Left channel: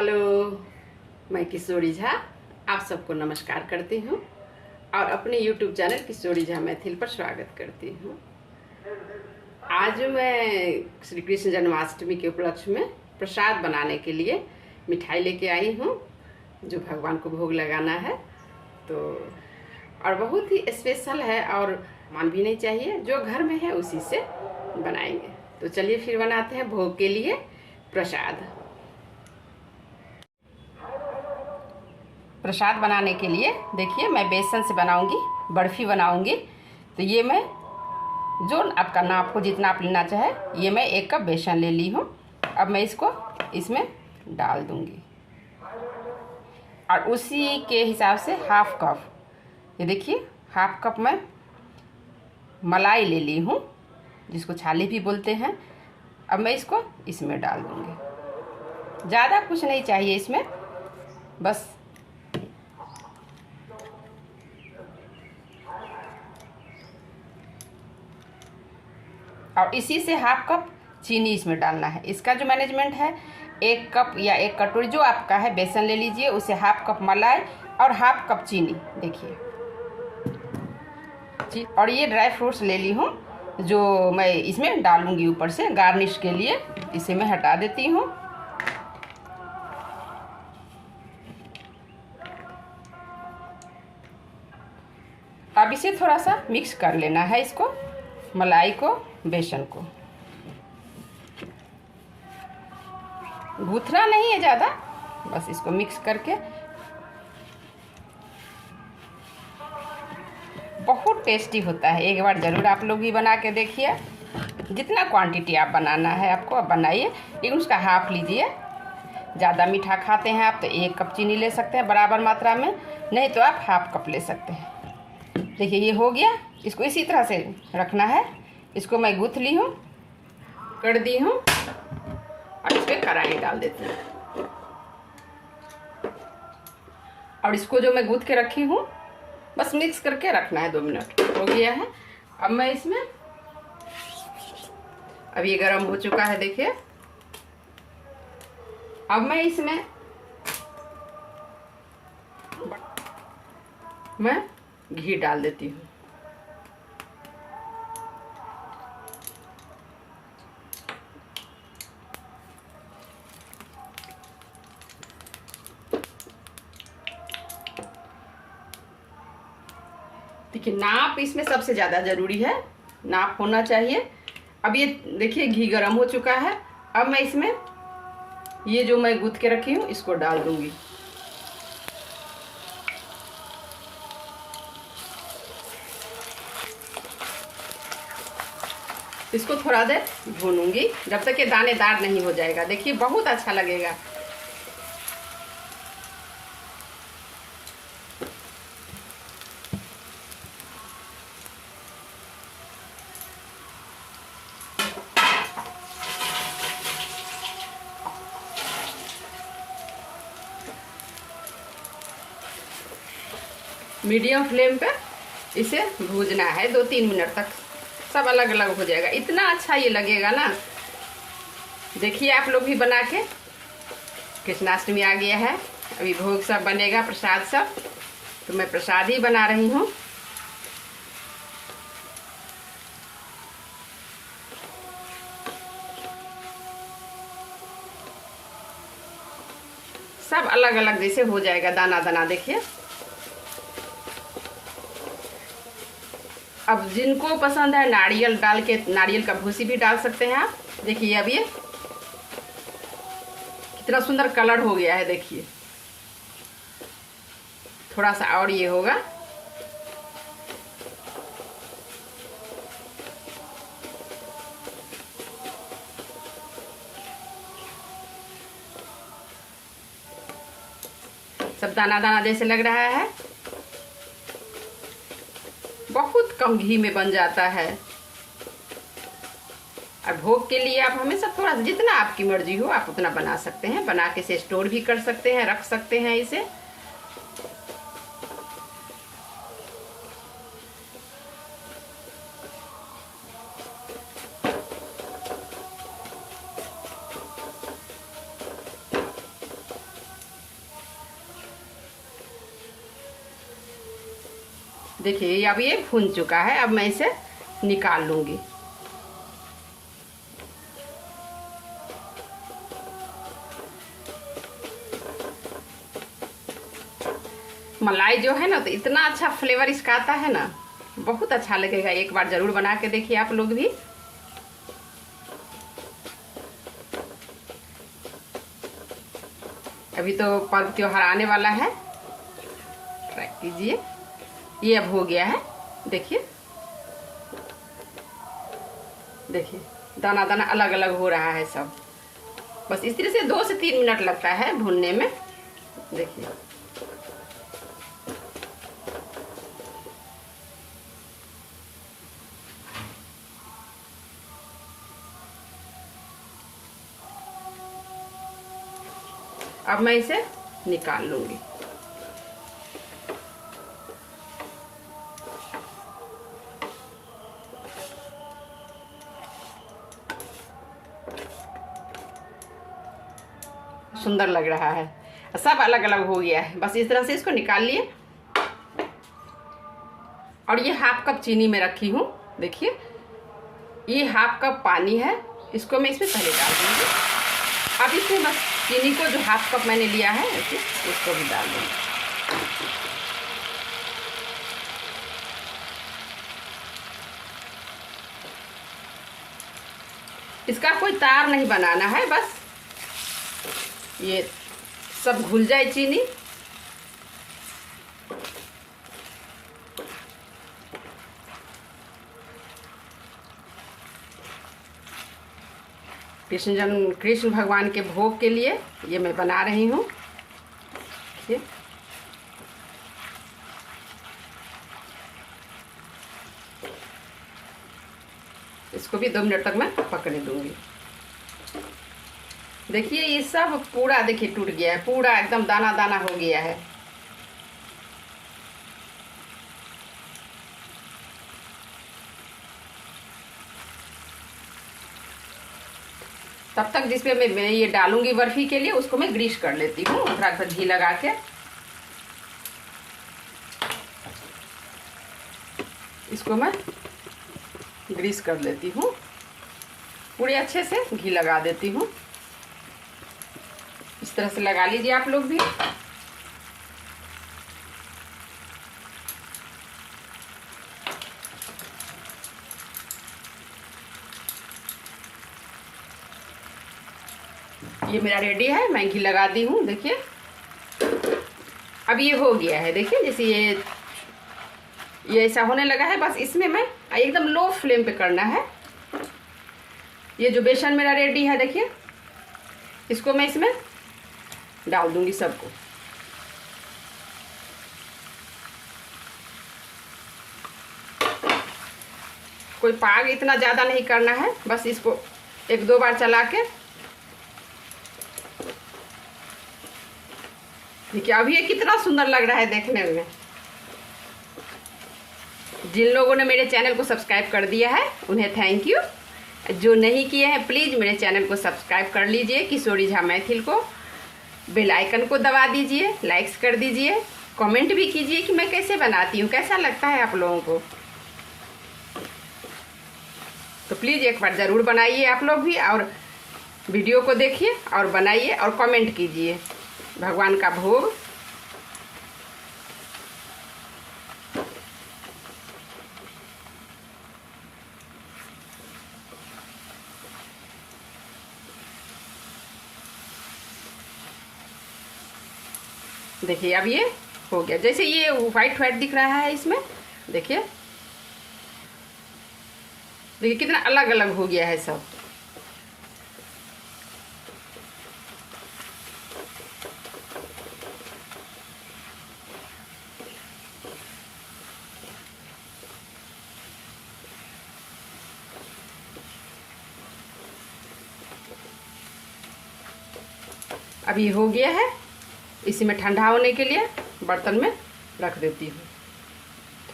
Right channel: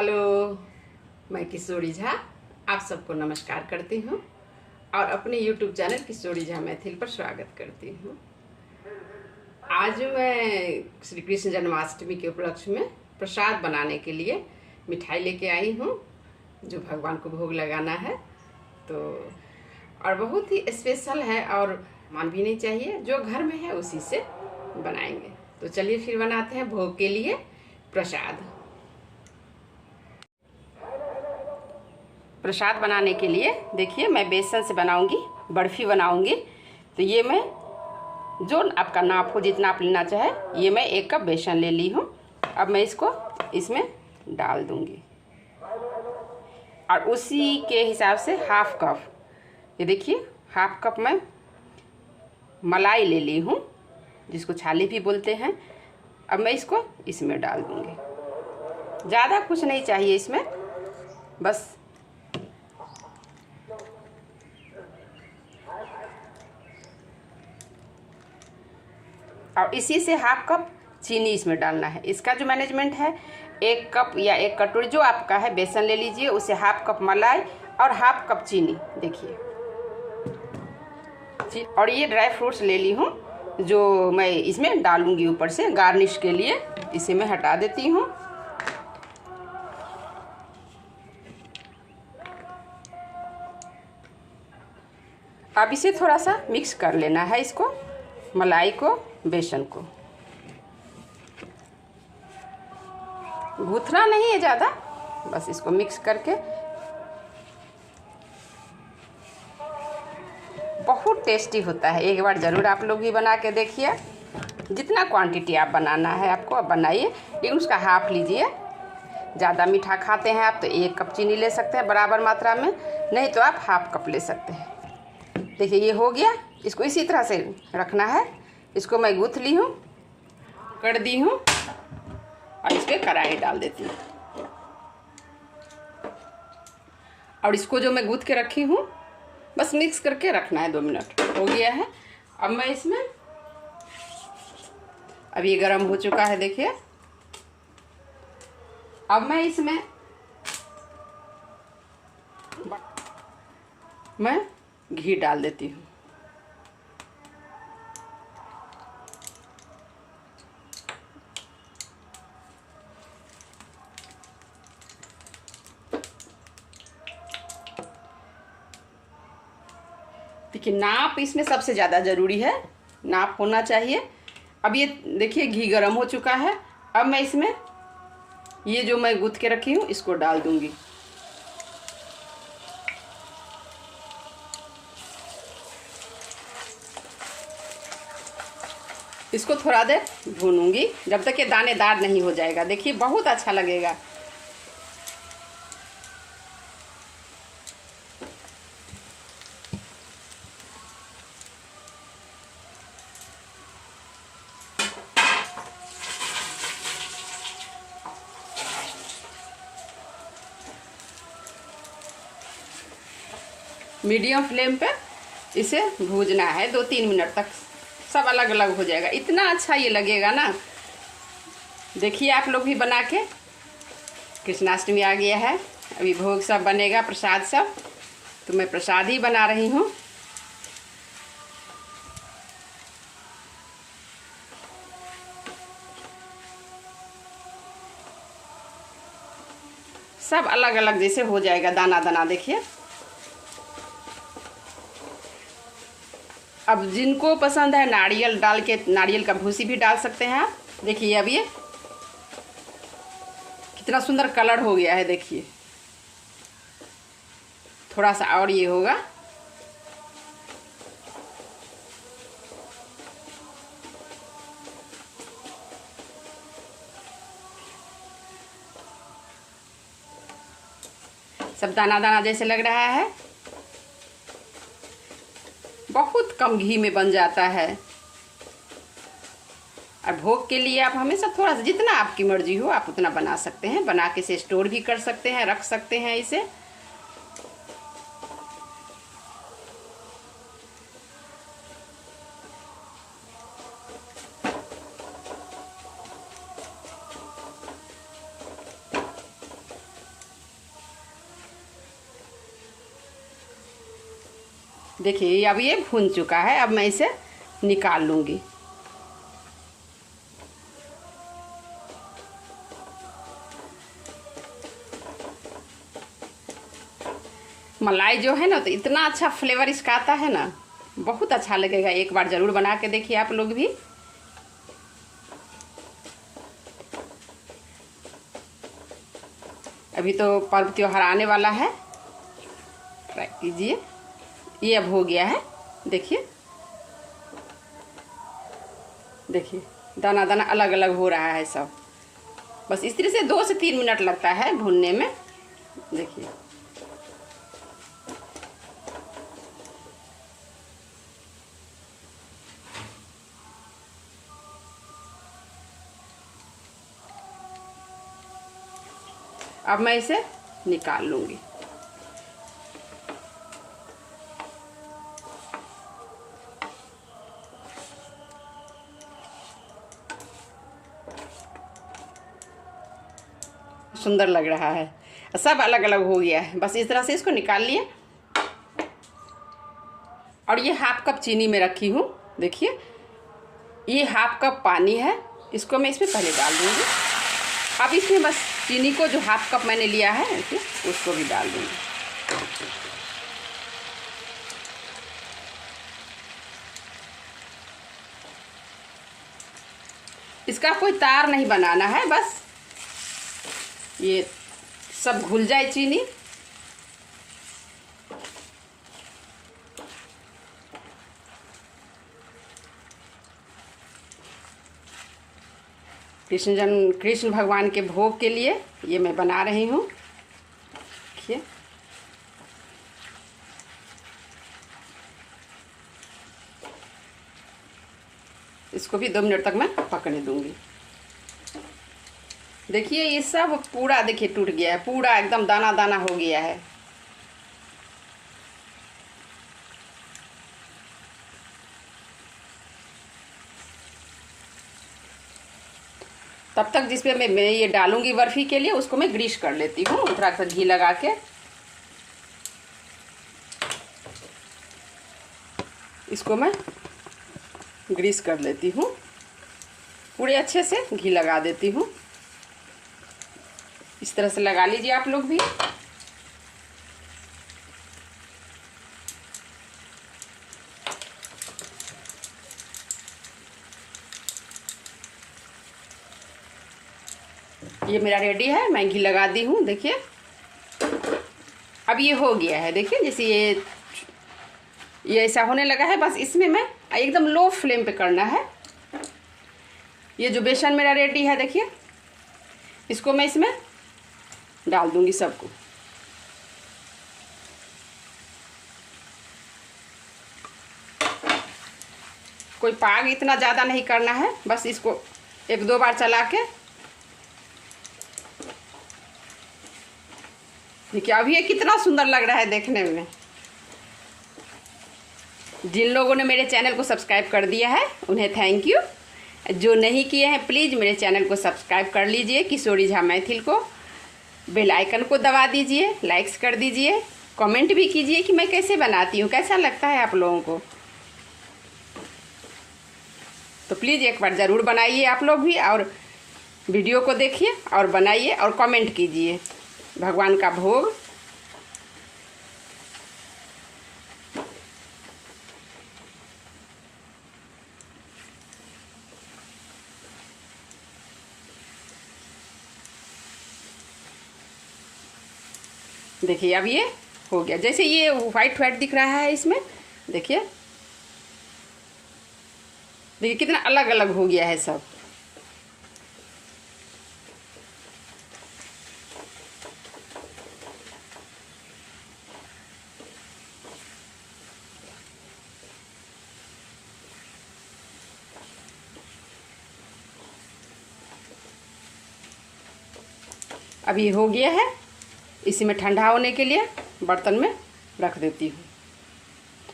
Hello, मैं किशोरी झा आप सबको नमस्कार करती हूँ और अपने YouTube चैनल किशोरी झा मैथिल पर स्वागत करती हूँ। आज मैं श्री कृष्ण जन्माष्टमी के उपलक्ष्य में प्रसाद बनाने के लिए मिठाई लेके आई हूँ जो भगवान को भोग लगाना है। तो और बहुत ही स्पेशल है और मान भी नहीं चाहिए, जो घर में है उसी से बनाएंगे। तो चलिए फिर बनाते हैं भोग के लिए प्रसाद। प्रसाद बनाने के लिए देखिए मैं बेसन से बनाऊंगी, बर्फ़ी बनाऊंगी। तो ये मैं जो आपका नाप हो, जितना आप लेना चाहे, ये मैं 1 कप बेसन ले ली हूँ। अब मैं इसको इसमें डाल दूंगी और उसी के हिसाब से हाफ कप, ये देखिए हाफ कप मैं मलाई ले ली हूँ, जिसको छाली भी बोलते हैं। अब मैं इसको इसमें डाल दूंगी। ज़्यादा कुछ नहीं चाहिए इसमें, बस और इसी से हाफ कप चीनी इसमें डालना है। इसका जो मैनेजमेंट है, 1 कप या 1 कटोरी जो आपका है बेसन ले लीजिए, उसे हाफ कप मलाई और हाफ कप चीनी। देखिए, और ये ड्राई फ्रूट्स ले ली हूँ जो मैं इसमें डालूंगी ऊपर से गार्निश के लिए। इसे मैं हटा देती हूँ। अब इसे थोड़ा सा मिक्स कर लेना है, इसको मलाई को बेसन को। गूथना नहीं है ज़्यादा, बस इसको मिक्स करके। बहुत टेस्टी होता है, एक बार ज़रूर आप लोग भी बना के देखिए। जितना क्वांटिटी आप बनाना है आपको आप बनाइए, लेकिन उसका हाफ लीजिए। ज़्यादा मीठा खाते हैं आप तो 1 कप चीनी ले सकते हैं बराबर मात्रा में, नहीं तो आप हाफ कप ले सकते हैं। देखिए ये हो गया। इसको इसी तरह से रखना है। इसको मैं गूँथ ली हूँ, कर दी हूँ और इस पर कढ़ाई डाल देती हूँ। और इसको जो मैं गूँथ के रखी हूँ बस मिक्स करके रखना है। 2 मिनट हो गया है। अब मैं इसमें, अब ये गर्म हो चुका है देखिए। अब मैं इसमें मैं घी डाल देती हूँ। देखिए नाप इसमें सबसे ज़्यादा ज़रूरी है, नाप होना चाहिए। अब ये देखिए घी गर्म हो चुका है। अब मैं इसमें ये जो मैं गूँथ के रखी हूँ इसको डाल दूंगी। इसको थोड़ा देर भूनूंगी जब तक ये दानेदार नहीं हो जाएगा। देखिए बहुत अच्छा लगेगा। मीडियम फ्लेम पे इसे भूजना है 2-3 मिनट तक, सब अलग अलग हो जाएगा। इतना अच्छा ये लगेगा ना। देखिए आप लोग भी बना के। कृष्णाष्टमी आ गया है, अभी भोग सब बनेगा, प्रसाद सब। तो मैं प्रसाद ही बना रही हूँ। सब अलग अलग जैसे हो जाएगा, दाना दाना। देखिए अब जिनको पसंद है नारियल डाल के, नारियल का भूसी भी डाल सकते हैं आप। देखिए अब ये कितना सुंदर कलर हो गया है। देखिए थोड़ा सा और ये होगा। सब दाना दाना जैसे लग रहा है। बहुत कम घी में बन जाता है। और भोग के लिए आप हमेशा थोड़ा सा, जितना आपकी मर्जी हो आप उतना बना सकते हैं। बना के इसे स्टोर भी कर सकते हैं, रख सकते हैं इसे। देखिए अब ये भुन चुका है। अब मैं इसे निकाल लूँगी। मलाई जो है ना तो इतना अच्छा फ्लेवर इसका आता है ना, बहुत अच्छा लगेगा। एक बार ज़रूर बना के देखिए आप लोग भी। अभी तो पर्व त्योहार आने वाला है, ट्राई कीजिए। ये अब हो गया है, देखिए देखिए दाना दाना अलग अलग हो रहा है सब। बस इस तरह से 2 से 3 मिनट लगता है भूनने में। देखिए अब मैं इसे निकाल लूंगी। सुंदर लग रहा है, सब अलग अलग हो गया है। बस इस तरह से इसको निकाल लिए। और ये हाफ कप चीनी में रखी हूँ। देखिए ये हाफ कप पानी है, इसको मैं इसमें पहले डाल दूँगी। अब इसमें बस चीनी को जो हाफ कप मैंने लिया है देखिए उसको भी डाल दूँगी। इसका कोई तार नहीं बनाना है, बस ये सब घुल जाए चीनी। कृष्ण भगवान के भोग के लिए ये मैं बना रही हूँ। देखिए इसको भी 2 मिनट तक मैं पकने दूंगी। देखिए ये सब पूरा देखिए टूट गया है, पूरा एकदम दाना दाना हो गया है। तब तक जिसपे मैं ये डालूंगी बर्फी के लिए उसको मैं ग्रीस कर लेती हूँ, थोड़ा सा घी लगा के। इसको मैं ग्रीस कर लेती हूँ, पूरे अच्छे से घी लगा देती हूँ। इस तरह से लगा लीजिए आप लोग भी। ये मेरा रेडी है, मैं घी लगा दी हूँ। देखिए अब ये हो गया है। देखिए जैसे ये ऐसा होने लगा है, बस इसमें मैं एकदम लो फ्लेम पे करना है। ये जो बेसन मेरा रेडी है देखिए, इसको मैं इसमें डाल दूंगी सबको। कोई पाग इतना ज़्यादा नहीं करना है, बस इसको 1-2 बार चला के। देखिए अब ये कितना सुंदर लग रहा है देखने में। जिन लोगों ने मेरे चैनल को सब्सक्राइब कर दिया है उन्हें थैंक यू। जो नहीं किए हैं प्लीज़ मेरे चैनल को सब्सक्राइब कर लीजिए, किशोरी झा मैथिल को। बेल आइकन को दबा दीजिए, लाइक्स कर दीजिए, कमेंट भी कीजिए कि मैं कैसे बनाती हूँ, कैसा लगता है आप लोगों को। तो प्लीज़ एक बार ज़रूर बनाइए आप लोग भी, और वीडियो को देखिए और बनाइए और कमेंट कीजिए। भगवान का भोग देखिए अब ये हो गया। जैसे ये व्हाइट व्हाइट दिख रहा है इसमें, देखिए देखिए कितना अलग अलग हो गया है सब। अब ये हो गया है, इसी में ठंडा होने के लिए बर्तन में रख देती हूँ।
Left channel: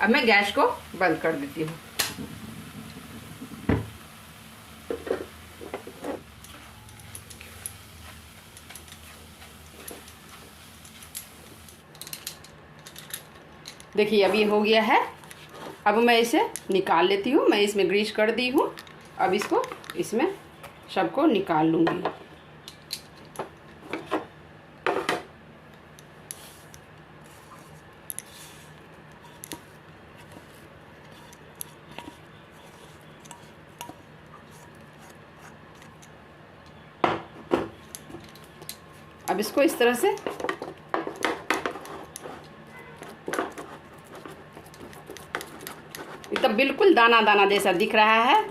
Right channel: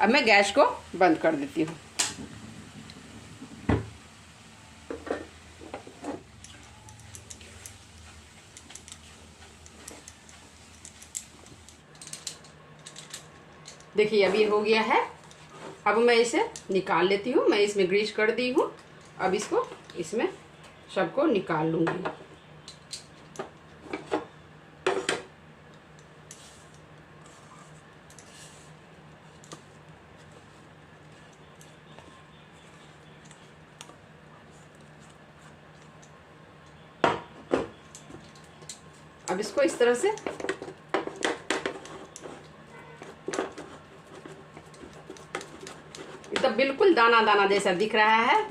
अब मैं गैस को बंद कर देती हूँ। देखिए अब ये हो गया है। अब मैं इसे निकाल लेती हूँ। मैं इसमें ग्रीस कर दी हूँ। अब इसको इसमें सबको निकाल लूँगी। अब इसको इस तरह से तो बिल्कुल दाना दाना जैसा दिख रहा है।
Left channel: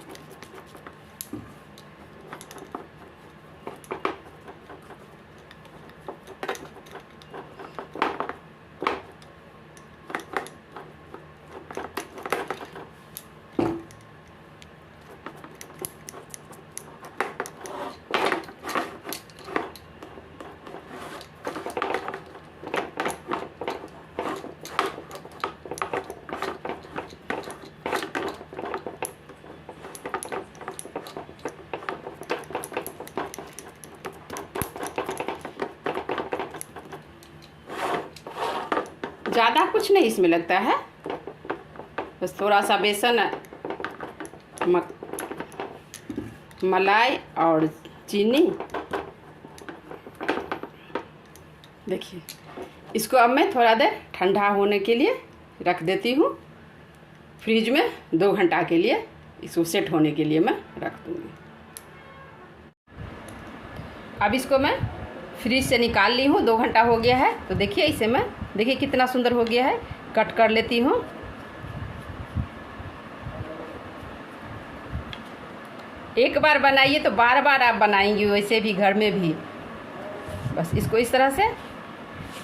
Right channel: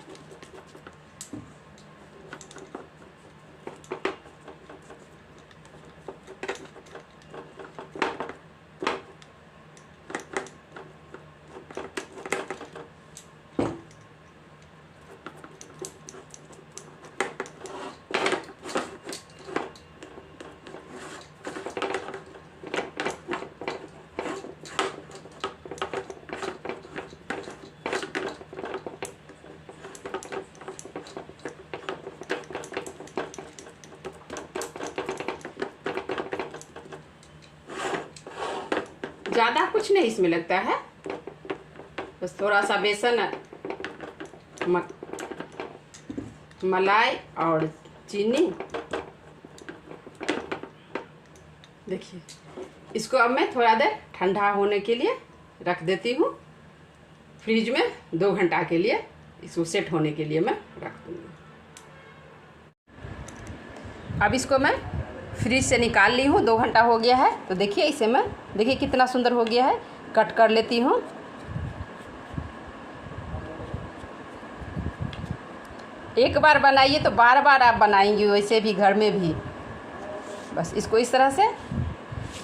ज़्यादा कुछ नहीं इसमें लगता है, बस थोड़ा सा बेसन, मलाई और चीनी। देखिए इसको अब मैं थोड़ा देर ठंडा होने के लिए रख देती हूँ फ्रिज में। 2 घंटा के लिए इसको सेट होने के लिए मैं रख दूँगी। अब इसको मैं फ्रिज से निकाल ली हूँ। 2 घंटा हो गया है। तो देखिए इसे मैं, देखिए कितना सुंदर हो गया है। कट कर लेती हूँ। एक बार बनाइए तो बार बार आप बनाएंगे, वैसे भी घर में भी। बस इसको इस तरह से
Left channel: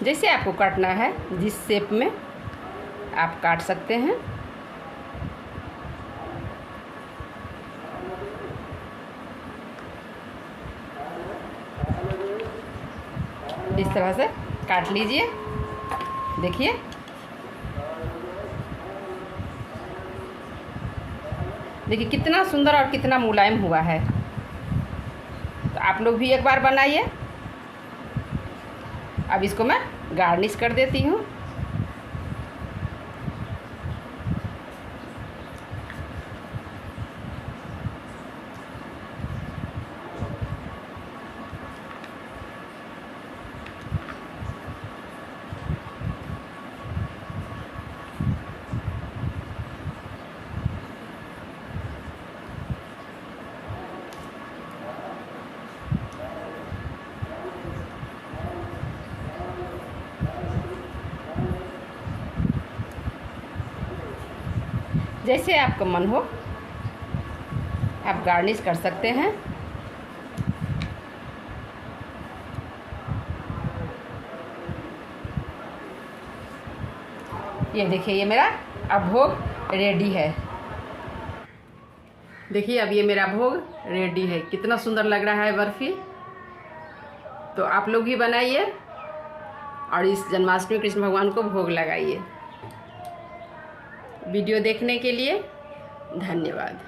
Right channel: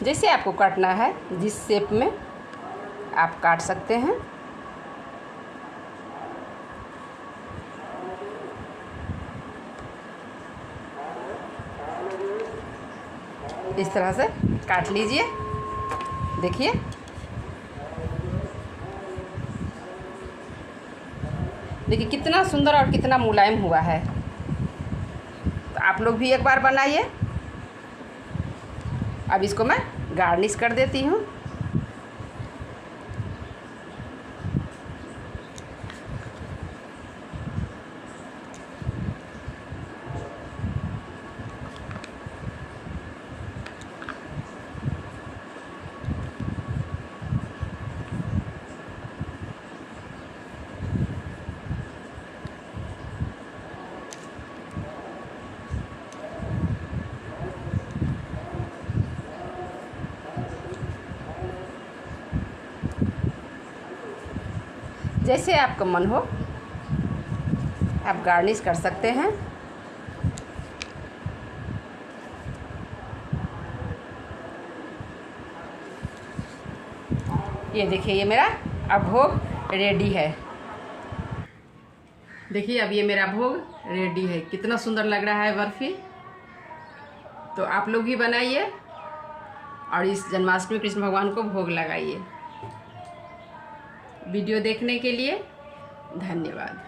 जैसे आपको काटना है, जिस शेप में आप काट सकते हैं। इस तरह से काट लीजिए। देखिए देखिए कितना सुंदर और कितना मुलायम हुआ है। तो आप लोग भी एक बार बनाइए। अब इसको मैं गार्निश कर देती हूँ। जैसे आपका मन हो आप गार्निश कर सकते हैं। ये देखिए ये मेरा अब भोग रेडी है। देखिए अब ये मेरा भोग रेडी है। कितना सुंदर लग रहा है बर्फ़ी। तो आप लोग भी बनाइए और इस जन्माष्टमी कृष्ण भगवान को भोग लगाइए। वीडियो देखने के लिए धन्यवाद।